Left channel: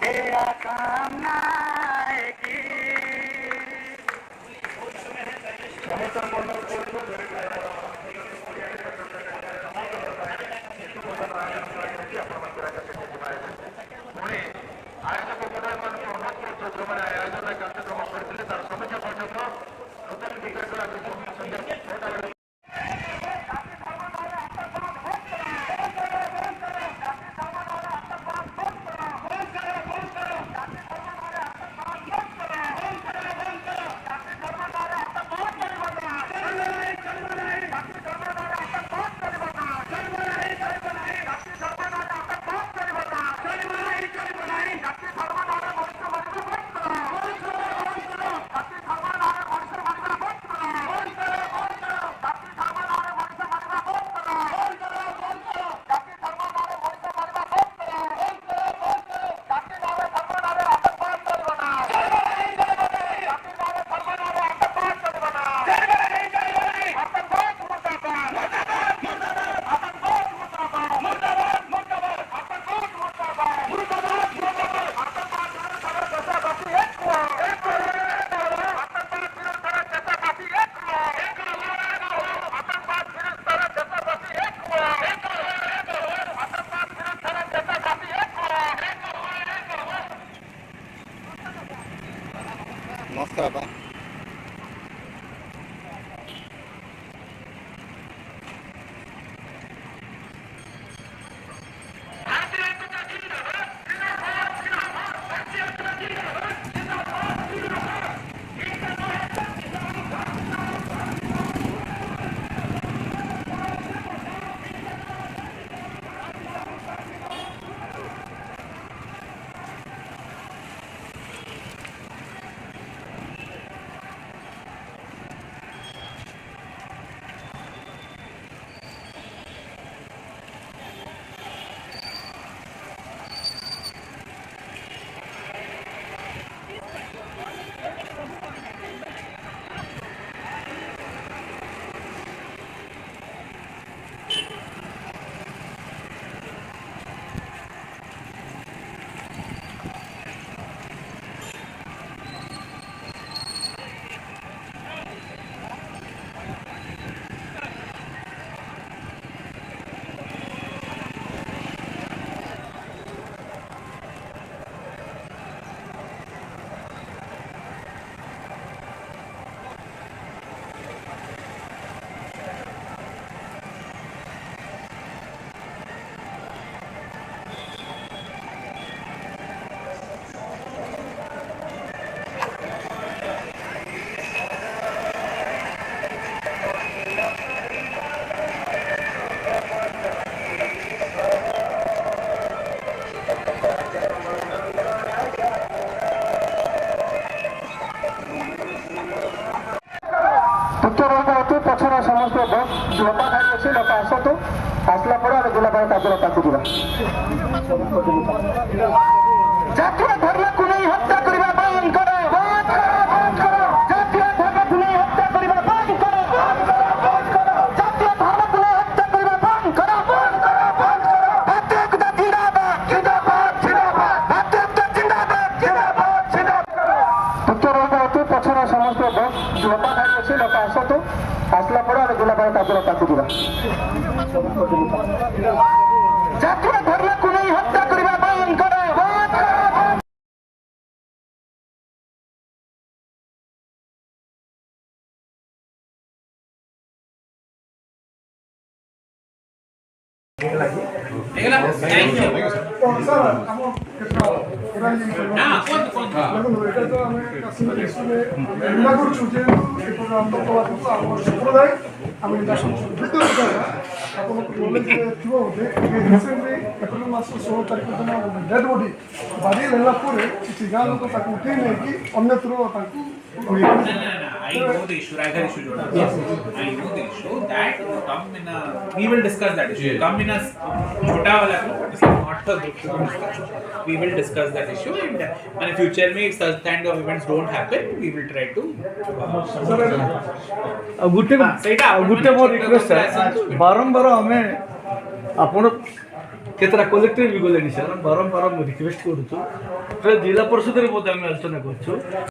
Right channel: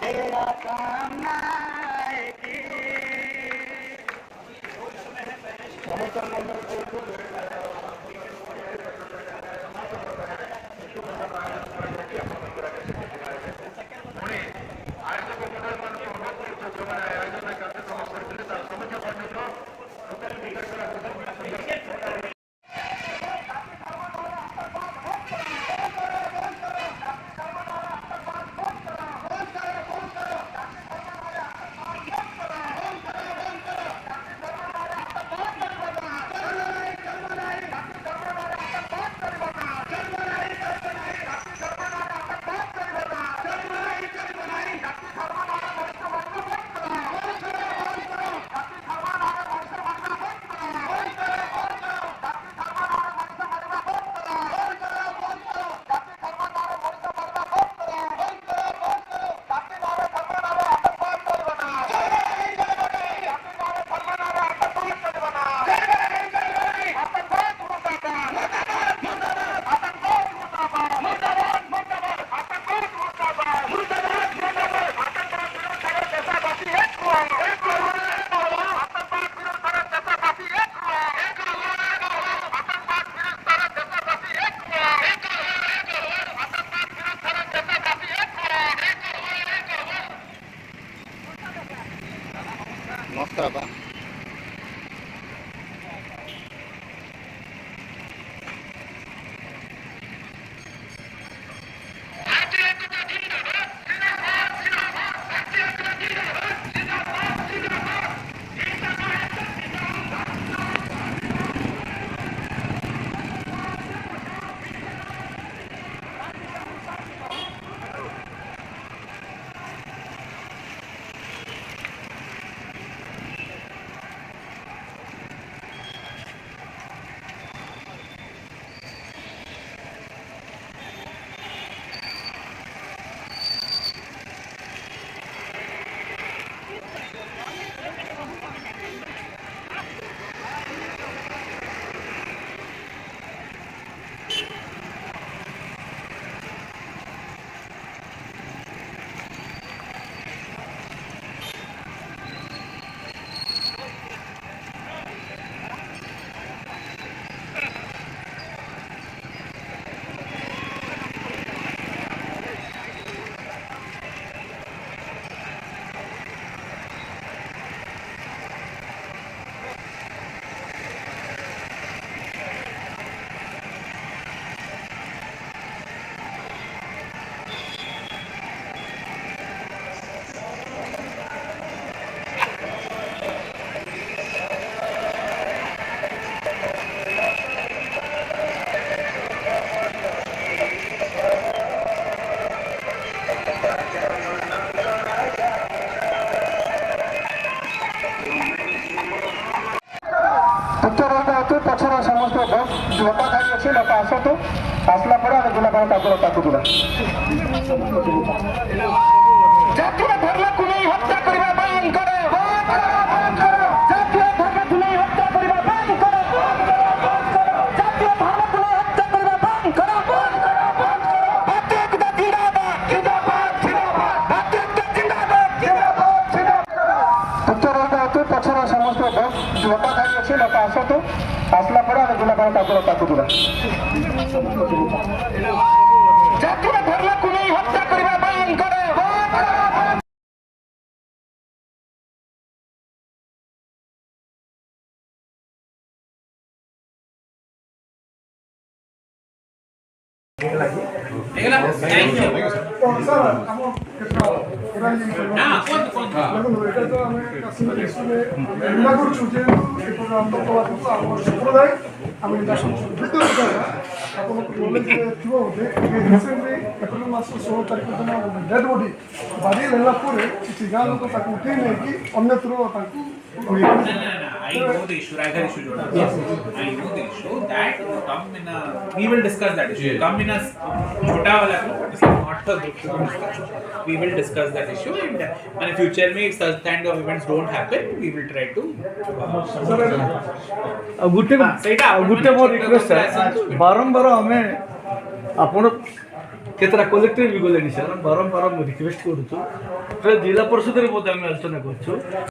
तेरा काम आएगी। नमस्कार बा पछर समस्त बस लता खाई अच्छे लता आसतु आसला जिला जातीय धर्म को नहीं हत्या करने बंद करो। जातीय धर्म को नहीं हत्या करने बंद करो। जातीय धर्म को नहीं हत्या करने बंद करो। भारतीय जनता जिंदाबाद जिंदाबाद जिंदाबाद। भारतीय जनता जिंदाबाद जिंदाबाद जिंदाबाद। उत्तर पछर समस्त बस लता खाई अच्छे लता आसतु आसला जिला जातीय धर्म को नहीं हत्या करने बंद करो। डेड बॉडी बाड़ी लेला गाँ लोग उठे नहीं अन्यत्र I know the issue. I know the issue that come in a. We will discuss that issue. Come in a chota wala. It's not a big issue. We will discuss that issue and in future में such kind of events don't happen. We will try to. Gute more request है बारंबार हमें आपण କେତେଟା collector ବି ଗଲେଣି sir ବାରମ୍ବାର ମୁଁ request କରୁଛୁ ଜିଲ୍ଲା ପରିଷଦରେ ମଧ୍ୟ ଆମେ ଆଲୋଚନା କରୁଛୁ